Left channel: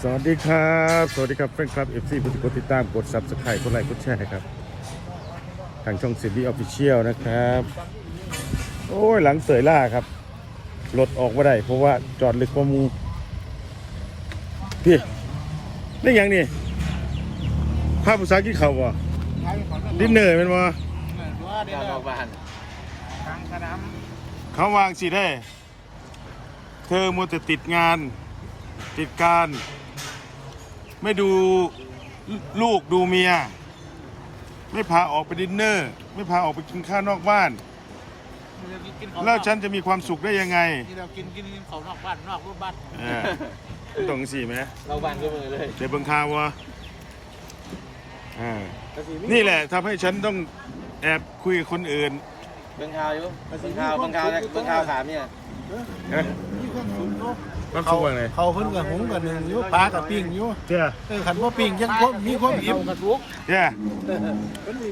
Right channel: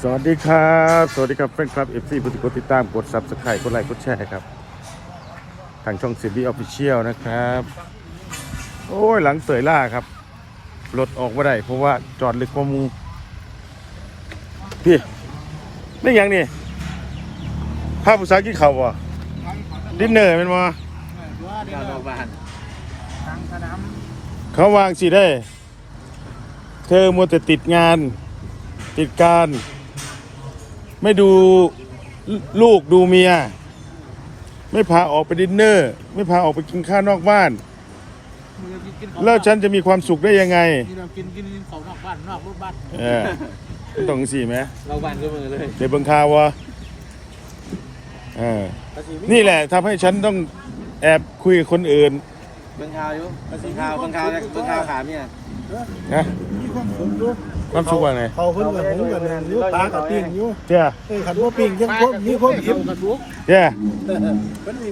สวัสดีครับ สวัสดีครับแฟนคลับเอฟซีผู้ที่กดติดตามกดซับสไครต์กดไลค์กดแชร์ครับ ทางช่องเซรีออฟฟิเชียลนะครับ โอ้ยหลังเสยล่าครับ รถออกมาได้เพราะว่าจอดลึกกว่ามูพี่นี่ยังนี่ภาพภาษากินเขาวบ่ดินเนอร์เป็นบ่เขาวางสิได้ เธอมัวแต่ติดงาน ติดการ ไม่ดูลูกดูเมีย ไม่พาออกไปดินเนอร์ ไม่พาออกไปกินข้าวนอกบ้าน แล้วฉันจะมีความสุขได้ยังไงนี่เรากินกินกินเขานอกบ้านนอกรูปบ้านเออมันต้องสี่ไหมเราบ้านก็มือเลยเดี๋ยวเบิ่งข่าววะเออนี่แหละทำให้ฉันต้องแอบคุยกับคนอื่นเป็นข่าวอยู่เป็นข่าวเป็นข่าวเป็นข่าวขามเนี่ยนะ ความสุขว่าไงเขาเพิ่นกับหูกับหนึ่งอยู่ปลากับปิ้งอยู่เจ้าเอ้ยขันว่าปิ้งยังพวกมีความอิ่มเจ้า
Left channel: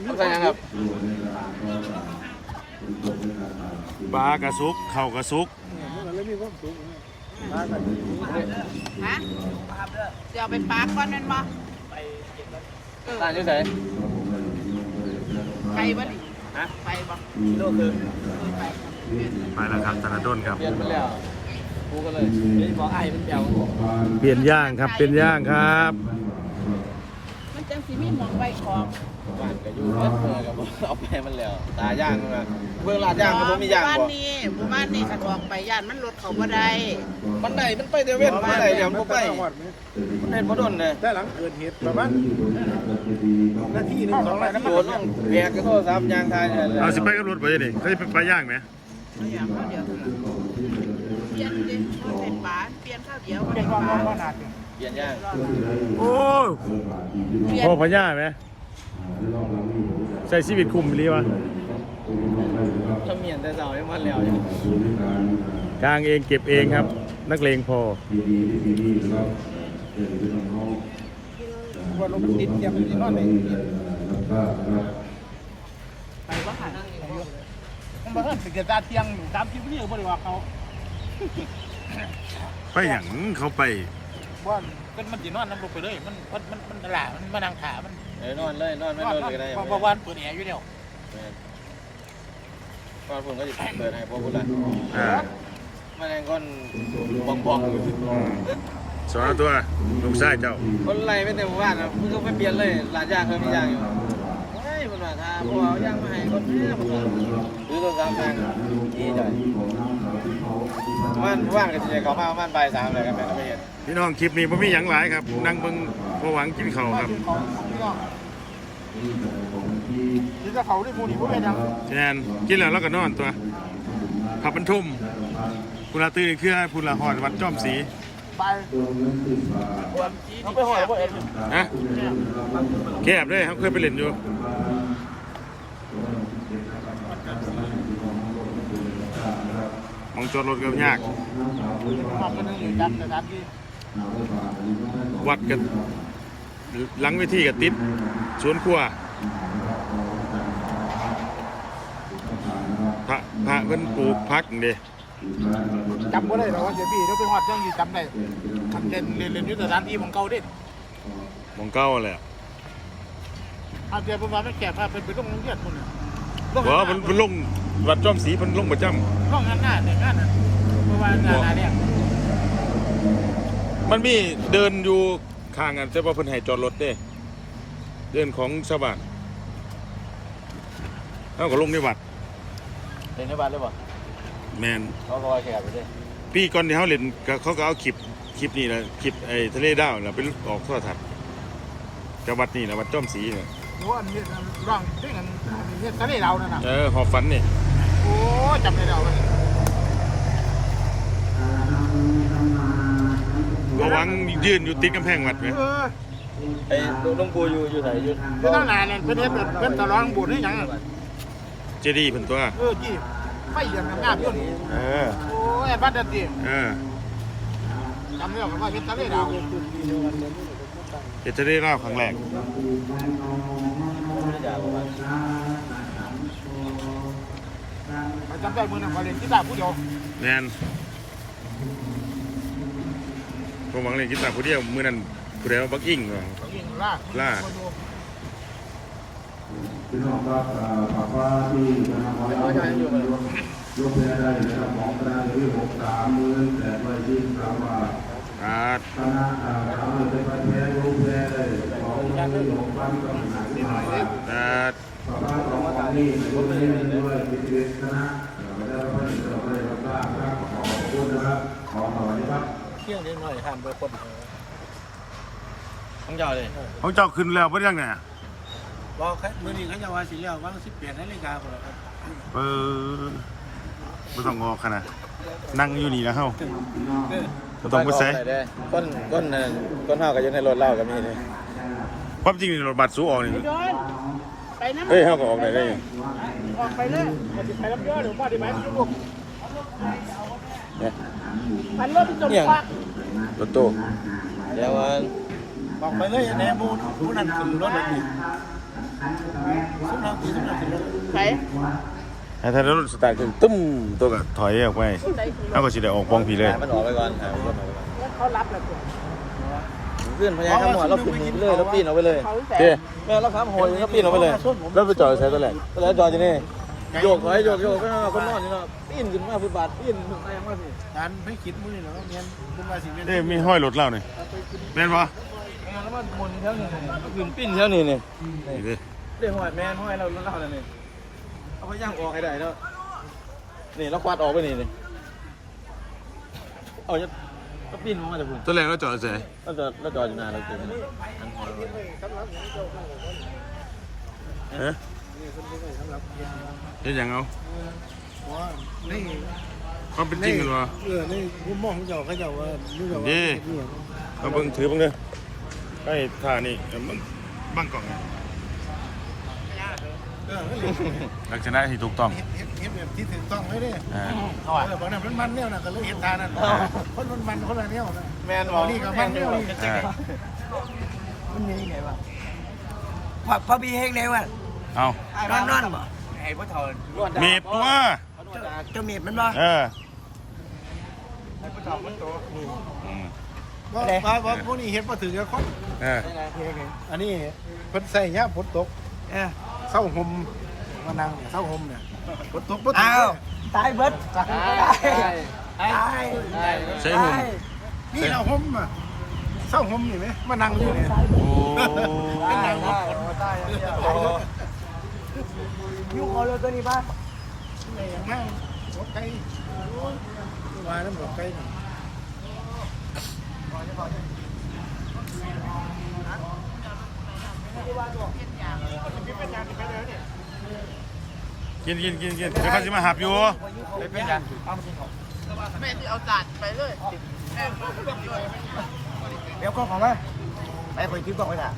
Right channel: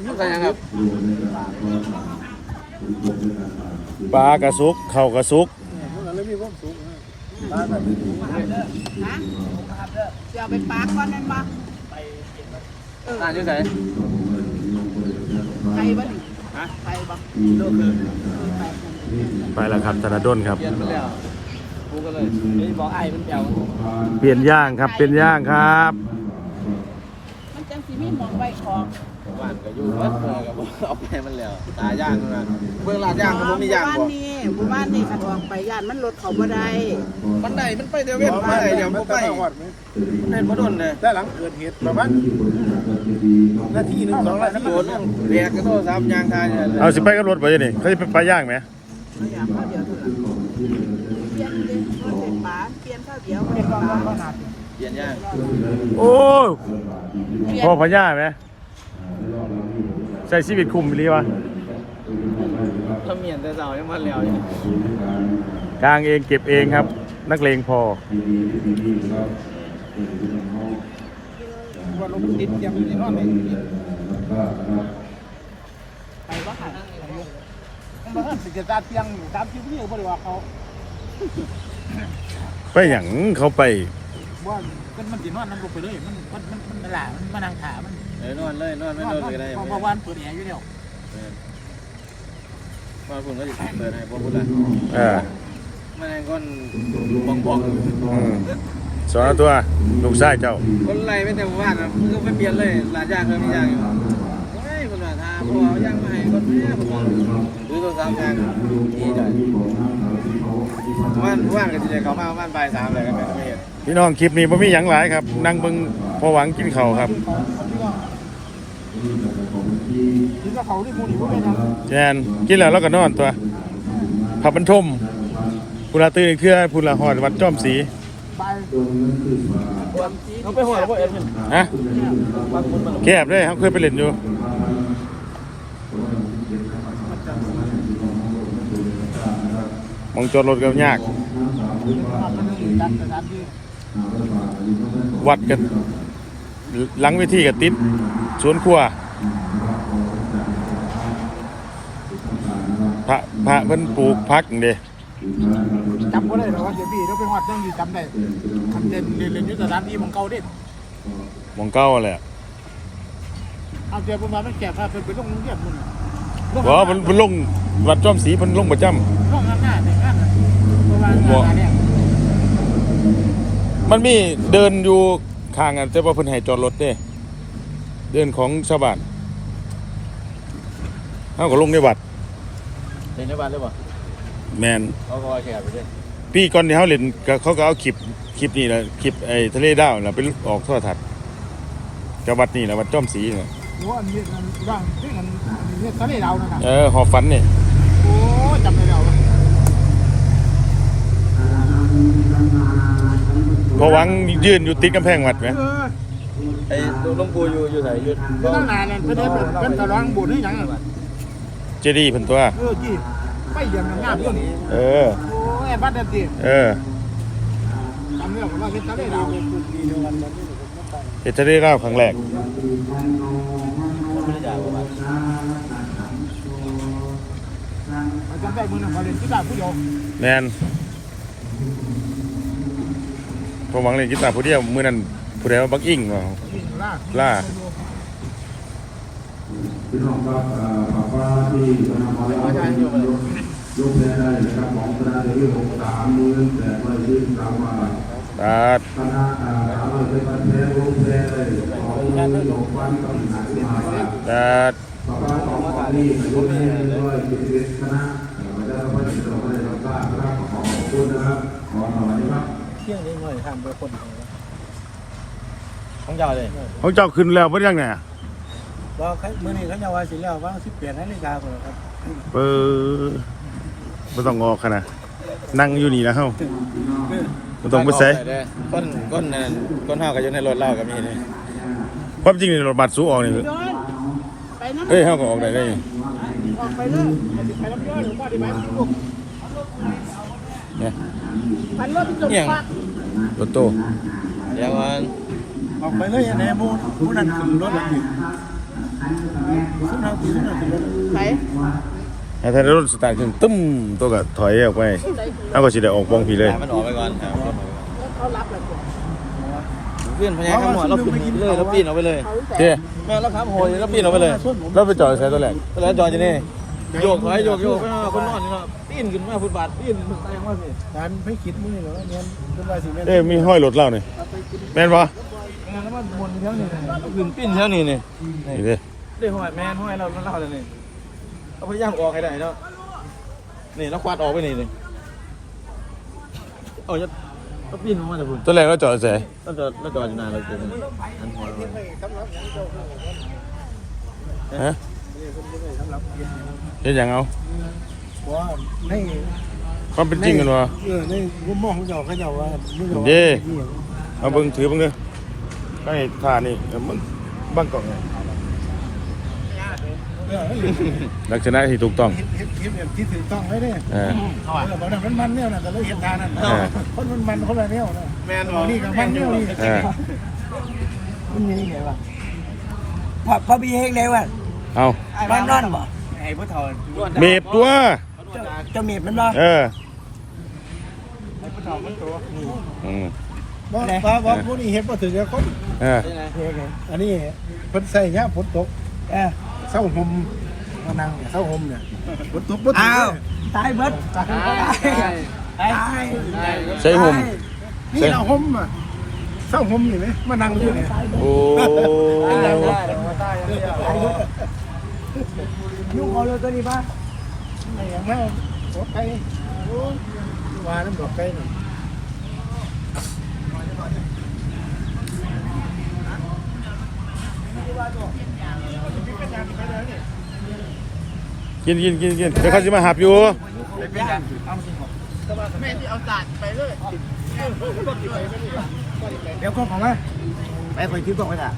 ต้องการยังครับปลากระสุกเข่าวกระสุกฮะจะเอาไปปากก่อนแม่นบ่เอออ่านยังไงไปบ่ดิไปบ่เออไปกันไปแล้วครับธนาดลครับ กูก็เลยไม่บอกไอ้มันเจ้าเปลี่ยนย่างครับ เป็นย่างครับมันจังสิมีหมองไว้ของบ้านก็อยู่เบิดเพื่อกับเอาแปมันแล้วตาย่างมันเบื้องลาดย่างมันไม่ย่างหมู่บ้านบ่นี้หมู่บ้านนี้ขันออกไปย่านมันรถเขาบ่ได้มันได้มันไปเดี๋ยวเว้นไปไหนเดี๋ยวมันไปมันเป็นบ่โดนเนี่ยแล้วหลังเกิดเหตุประมาณนาทีหนึงสองนาทีโดนต้องเรียกกระโดดซ้ำยางทายเนี่ยเอาสิไปกับรถไปยังนี่เขาจะไปปลาย่างไหมไม่อยากข้าวเดียวเท่านั้นเป ลี่ยนเด็กมันเป็นปลาเปลี่ยนข้าวเดียวบ่ได้ปลาเปลี่ยนย่างโอ้ยเปลี่ยนพ่อพญาไหมใส่ชีวิตคุมไปรีวะถ้าเมียนแต่เสายังมันแล้วกลางเองเก็บเองครับ นักเลงพอว่าลมติดอย่างนี้ว่าไม่ไปบ่ค่ะมันบอกว่าสิเกิดการเที่ยงตามที่พี่เขาบอกว่าเขา ไปหยังเขาไปว่ากันมันสินอนน้ำลงไปเลยมันมันมันมันหลามันมานั่งขามันเดี๋ยวนอนเลยนอนไม่นอนเลยได้เพราะว่านเปิดแอร์อยู่แล้วตอนผมก็อยู่เปิดให้พวกคุณเลยเออมันเป็นคนบังบังสอนตัวลูกชายเจ้าคนไรไม่เต็มบ้านอะก็ไม่เปลี่ยนเลยหลานยางเขาไม่ย่างอยู่เฮ้ยคนหละทาพวกเราย่างมาให้คนนี้หรือตัวสามทางยี่ใหญ่ว่านว่างกันทีเขามาว่านปลายสามเลยกันไม่เห็นพี่น้องคลิปนี้ผมมีหยังหลายครับนั่งเบิ่งพอหวังกินเข้าวครับถึงกับเขาได้พูดพูดได้นะแจนกินแล้วเราก็นอนตัวผับบรรทมพุลาตื่นอีกเทื่อพุลาหอดวัดจอมสีไปเราไปหอยพวกเอ็นฮะแคบเลยเขาเคยไปเล่นอยู่มองจอดรถก็ยาก วัดกันหลังเวทีกับติดสวนครัวพระพระเพิ่นปลูกพักเด้จำไม่ได้หรอกว่าเดี๋ยวพี่เราไปหอดเรื่องที่จำได้เล่นเล่นเล่นที่สถานที่มันเก่าเด็ดหมองเก้าแหละอาจจะประมาณไม่แก่ภาพเป็นเป็นต้องเรียนนู่นน่ะเพราะว่าเพิ่นเพิ่นลงวัดจอมสีเพิ่นลงประจำห้องงานหน้าเนี่ยงานน่ะประมาณงานเนี่ย มันมีเดินอยู่ข้างกันแต่ว่าเพิ่นให้จอดรถเด้เดินของชาวบ้านเฮาก็ลงในวัดเป็นที่บ้านหรือเปล่าแมนเขาก็ว่าแขกอยู่ดิปีก่อนที่เฮาเล่นก็เขาก็เอาคลิปคลิปนี้แหละคลิปไอ้ทะเลดาวน่ะไปออกโทรทัศน์กับวัดนี่แหละวัดจอมสีน่ะหัวอันนี้ร่างที่กันเนี่ยทะเลเรานั่นน่ะเออหอฝันนี่โอ้จำได้เราเลย พอหวังยืนอยู่ติดกำแพงวัดไหมไอ้ลุงกูอยู่อยู่ไหนอยู่เป็นตั้งนานเลยเป็นเด็กเป็นกระร้องบุญให้ยังเจดีย์เพิ่นตัว เออจีไปเยี่ยมงามเรื่องนี้เออ โอ้ยบ้านเด็กเออทำเรื่องว่าเป็นทะเลเราเฮ็ดทะเลดาวครั้งแรกจำได้มือหนึ่งมาเรียนที่ดาผู้เดียวแมน ผมหวังเล่นกีตาร์ผู้เดียวมือนั้นผู้ใดว่าบักอิงว่ายิ่งล่าล่าพี่น้องครับฝากว่าที่จะมาขอแล้วยกยกเพลงได้นะครับของคณะเรื่องของสามหมื่นแปดร้อยยี่สิบสามบาทตัดคณะสามร้อยเป็นพันเพลงลงเพลงเลยสองหมื่นหกพันกับหนึ่งพันบาทตัดฝากว่าสองของนี้ยกเพลงด้วยเป็นเวทคณะเอ่อประชาสัมพันธ์ส่งมาเลยครับขอขอบคุณนะครับขอหน่อยครับ เที่ยงได้หน่อยห้ามไปคนเดียวของเจ้าเลยเขาเจ้าขึ้นแล้วเพิ่นยังไงอะก็แค่มื้อนี้เขาจะว่าสิแล้วว่าง18นาฬิกาพุ่นล่ะครับเปิดบ่ต้องงอขนาดนั่งอยู่นี่นะเฮาบ่ต้องไปใส่คนคนน่ะคนเฮาก็อยู่ในรถเล่าก็มีนี่ความจริงนี่รถบัสสูออกนี่ย้อนไปน้ำเอ้ยเฮาก็ออกไปได้ออกไปเลยไปรับย้อนหรือบ้านดีไหม ลูกพันรถจมพักรถตู้เดี๋ยวมันออกไปเลยอย่างนี้มูมูนั่นขึ้นรถแล้วดิขึ้นแล้วขึ้นแล้วขึ้นรถไหนถ้าถ้ารถสตาร์ทขึ้นตึ้มตัวก็ถอยออกไปเอาก็สิได้ออกปองพี่เลยมันออกไปก่อนครับเขารับแบบขึ้นพญาขมวดเราขึ้นเลยเราปีนออกไปเลยเขาแสเด้นแม่เราครับโหยเราปีนออกไปเลยเราไปจอดใส่ตัวแหละแล้วจอดอยู่นี่โยกไปโยกโยกคนนอนนี่ครับ ปีนขึ้นมาฟุตบาทปีนขึ้นไปมาเลยการไม่คิดมื้อนี้หรอกว่าเนี่ยเป็นว่าสิแม่นเอ้ยมีห้อยรถเรานี่แม่นบ่แล้วมันวนเรื่องนี้ขึ้นปีนเท่านี้นี่นี่เด้ได้หัวแม่ห้อยเราเล่าเลยนี่เอาพยายามออกให้ได้เนาะนี่เราควัดออกไปนี่เลยเอาจะก็ปีนมาแต่พุ่นตัวแรกเราจอดใส่เราจอดเราจอดอยู่นานเราเจอกันหันหัวเราฮะเฮ็ดหยังเอา ว่าในความเป็นจริงกันวะเออในมุมมองของเจ้าเขาเจ้าว่ามื้อเจ้าว่าเด้เอาเบิ่งถือเบิ่งเด้อก็นี่ท่านี่เอามึงบังกล้องไงเออลักษณะที่ถูกต้องเฮ็ดเฮ็ดเฮ็ดแบบที่ถูกต้องเลยเด้เออเออบอกนั้นมันมันแนวน่ะก็เลยเฮ็ดทานั่นเออคนมันมันคนละแนวนะแม่นเอานี่กับมันแนวนี่เออมันนี่ไงวะพอพอมีเฮงได้ว่ะเอานอนนอนบ่ไอ้พ่อถอนเมฟตัว เจะมีบมันบ่เออไอ้พ่อถอนมันตัวอืมบ่บ่บ่พวกนี้เฮ็ดบ่ถึงกับคนเออเฮงไงอันนี้เพิ่นใส่ยามฝนตกเออเศร้าห่มมานั่งเศร้าห่มเนี่ยฝนตกบ่ถึงอ้าวตายเบิดตายตายใส่ห่มนี่เราห่มอะเศร้าห่มนี่ไหมมานั่งอยู่เนี่ยโอ้ยยุ่งเอาเลยก็นี่บ้า ไอ้อย่างนั้นหัวไก่โอ้ยว่าน้ำดอกไก่นี่กินกินกินกินเดี๋ยวเขาจะมาหับอยู่แม่ที่เอาจานไปเลยเดี๋ยวคนของมาไปคอยคิดบอกไว้น่ะ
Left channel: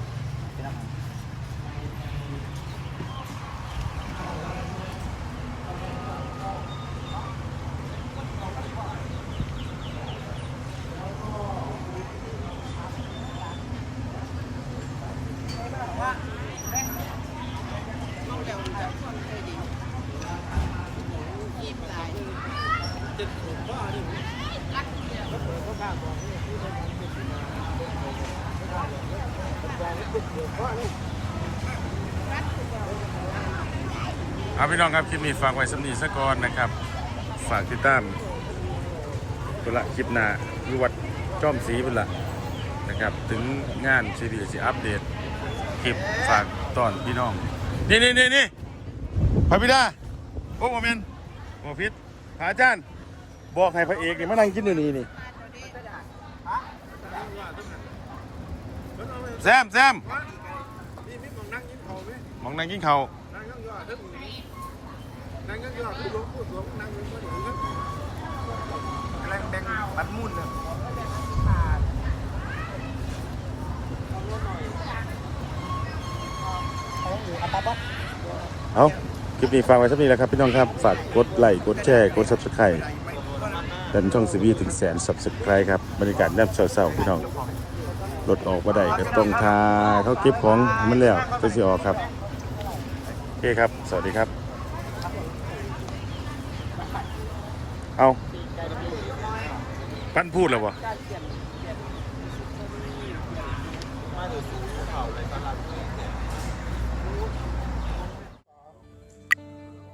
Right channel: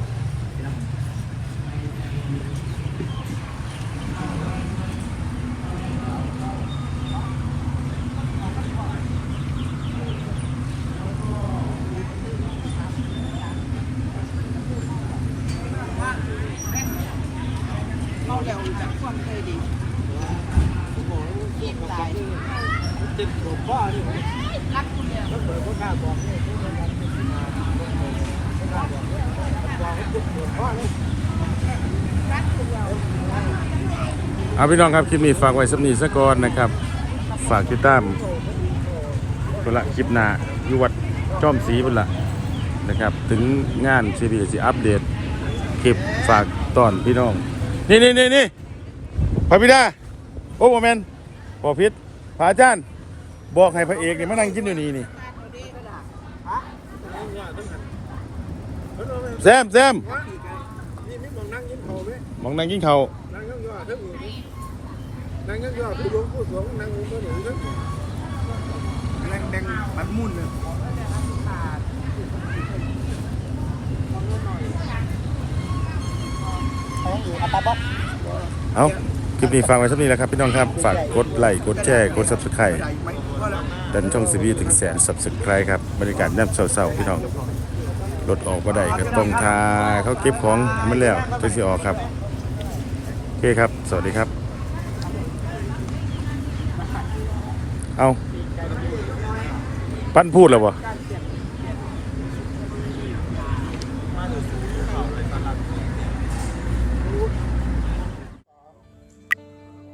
เขาเดี๋ยวพวกนี้ดิยิ้มตายรักคุณแล้ว เอาพี่น้องครับคลิปนี้ฝากไว้สำนีสะก่อนนะครับ ฝากติดตามตัวละคลิปหน้าอยู่วัดจอมศรีบุญละนะครับ ถึงงานซีพีซีอัปเดตคลิปฝากตอนพี่น้อง นี่นี่นี่นี่พระบิดาโอ้โมเมนบอพิษพระอาจารย์ บอกให้พระเอกนี่มานั่งกินอยู่นี่นี่แซมแซมนี่นี่มองนั่งกินข้าวไหมมองนั่งกินข้าวนั่งยอดทั้งอื่นนั่งยอดพูดหลวงพูดหลวงนั่งอยู่ก็หนูทั้งนั่งแดงปัดมุ่นเนี่ยเอา นี้ฟังไว้สักนิดแล้วครับพี่น้องครับ ฝากกดไลค์กดแชร์กด subscribe ดันช่องซีบีถึงแสน subscribe ครับบรรยากาศแบบเศร้าๆพี่น้องรถออกมาได้ก็ต้องทาเขาเก็บของมันแล้วตัวสิออกครับโอเคครับ สวัสดีครับ เอาปั้นพูดแล้วบ่